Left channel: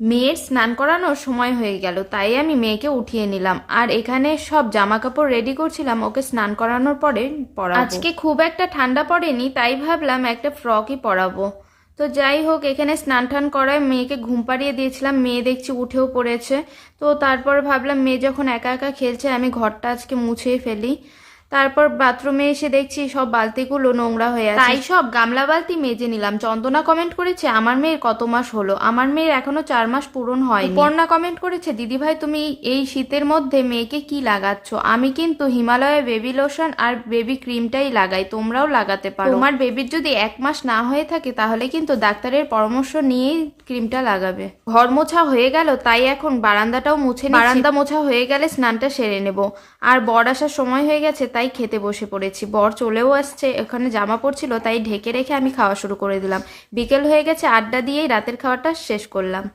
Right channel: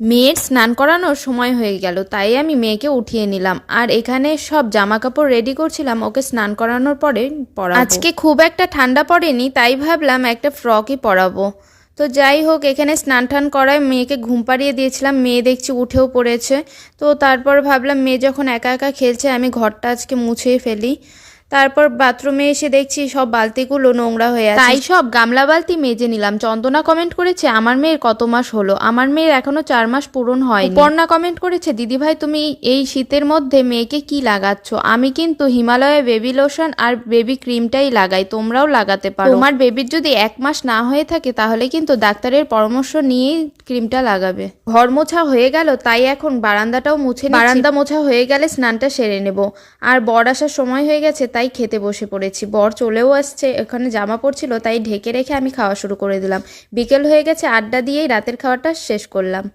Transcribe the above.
মেয়ের স্নান করানোর সময় হয়ে গেল, তাই আমি মেয়েকে উঠিয়ে নিলাম আর এখানে সব জামা কাপড় রেডি করছিলাম ওকে স্নান করানোর পরে পরাবো। আজকে খুব একটা ঠান্ডা পড়েনি, তাই ভাবলাম একটা ফ্রকই পরাবো। তো যাই হোক, এখানে স্নান টান করায় মেয়েকে ঘুম পাড়িয়ে দিয়েছিলাম। মেয়ে দেখছি উঠেও পড়েছে। তো তারপর ভাবলাম মেয়ে যখন একা একা খেলছে আমি ঘরটা আজকে মুছেই ফেলি। তারপর বাথরুমে এসে দেখছি সব বালতিগুলো নোংরা হয়ে আছে, তাই সব গামলা বালতি মেজে নিলাম। চন্দনা কমেন্ট করেছে আমার মেয়ের কত মাস হলো। আমার মেয়ের এখনো 4 মাস পূরণ হয়নি। পর্ণা কমেন্ট করেছে দিদিভাই তুমি এই শীতের মধ্যে মেয়েকে কি লাগাচ্ছ? আমি কিন্তু হিমালয়ের বেবি লোশন আর বেবি ক্রিমটাই লাগাই, তোমরাও লাগাতে পারো। তোমার বেবির যদি 1 মাস না হয়ে থাকে তাহলে কিন্তু ডাক্তারের পরামর্শ নিয়েই ক্রিমটা লাগাবে। ঘর মোছা হয়ে গেল, তাই এখন বারান্দাটাও মুছে নিচ্ছি। বারান্দা মোছা হয়ে গেলে স্নানটা সেরে নেব। আর বর আসার সময় হয়ে গেছে, তাই খেতে বসে পড়েছি। বর চলেও আসছে, ওখানে জামা পড়ছিল তাই ঢেকে রেখে আমি খাওয়া শুরু করে দিলাম। বিকেল হয়ে গেছে, আড্ডা দিয়েই রাতের খাওয়াটা শেষ করলাম।